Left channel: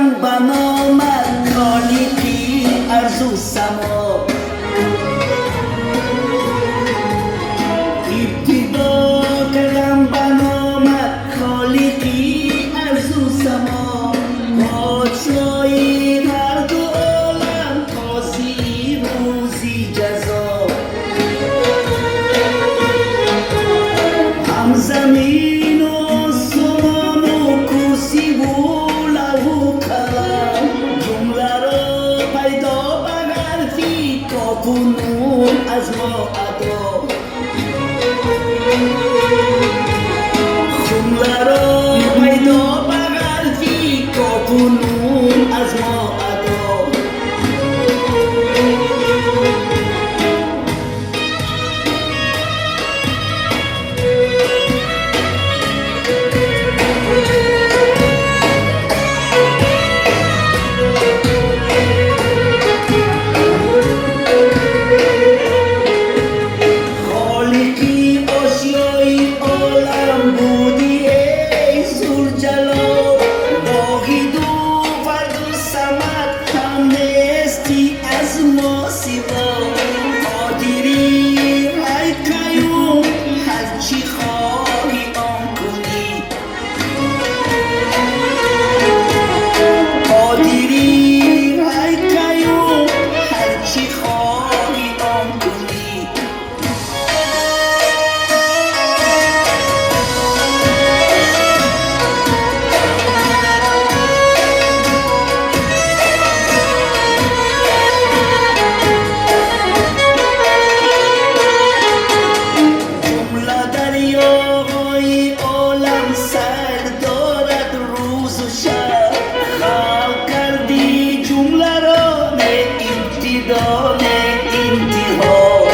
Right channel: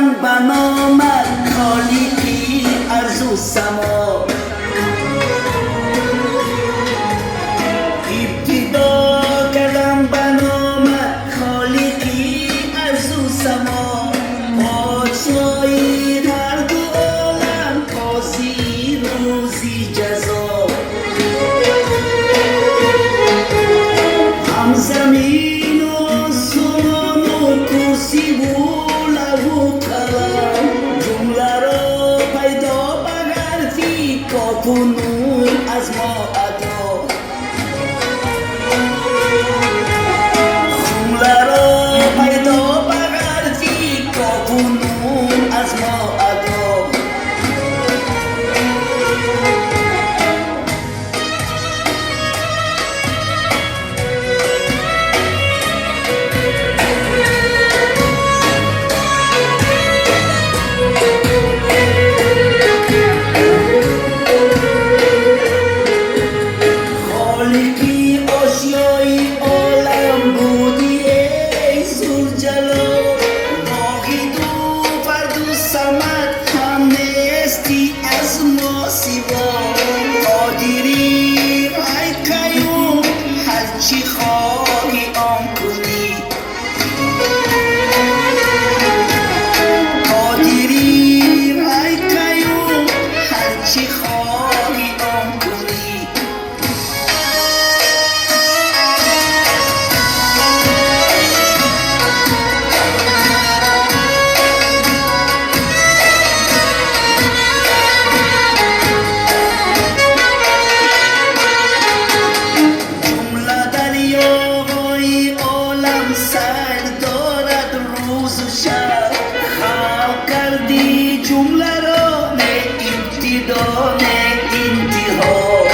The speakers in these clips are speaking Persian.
قدم بنامد خالیقی ارض و سما ابتدا قدم بنامد خالیقی ارض و سما پادشاهی هر دو عالم قاضی روزی جزا هم زمین و آسمان و کرسی و لوح و قلم جمله را پیدا به حرفی کاف و نون از ما ادا جمله را پیدا به حرفی کاف و نون از ما ادا خالقی اشیای عالم بودی ای ذوالجلال باقی دو فرد و صمد هم نیستی از ما سوا قادری ای قیوم هرچی خواهی آن کنی قادری ای قیوم هرچی خواهی آن کنی دریاهای عالم سر دارد روز و شب خلق کردی جمله را نه ابتدا نه انتها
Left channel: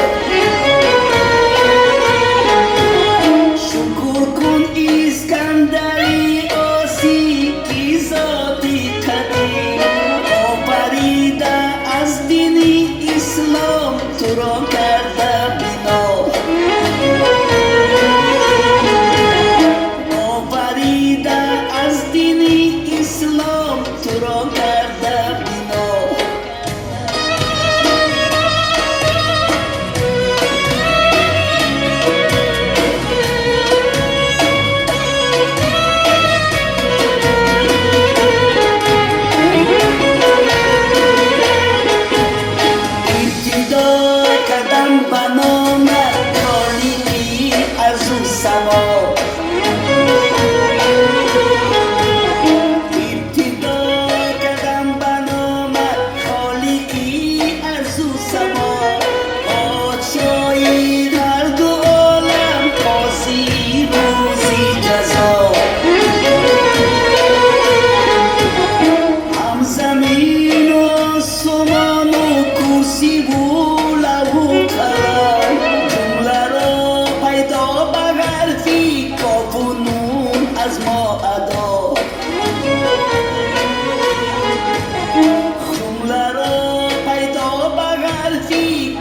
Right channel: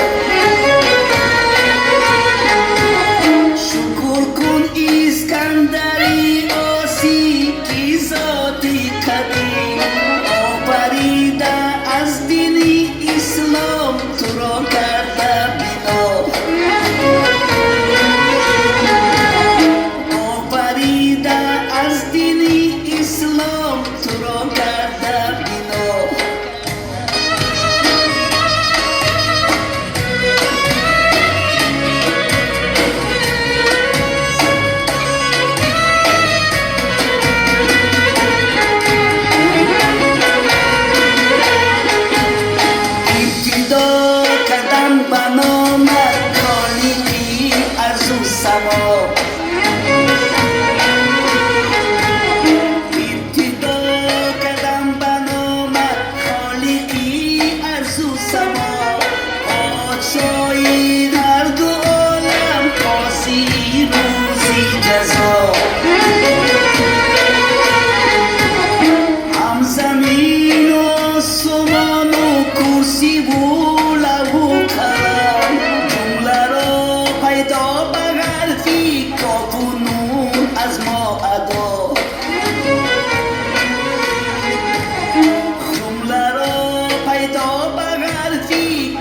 شکر کن اسکندری آسی کی ذاتی قدیم آفریده از دین اسلام تو را کرده بنا از دین اسلام تو را کرده بنا ابتدا قدم بنامد خالیقی ارض و سما هم زمین و آسمان و کرسی و لوح و قلم جمله را پیدا به حرفی کاف و نون از ما ادا جمله را پیدا به حرفی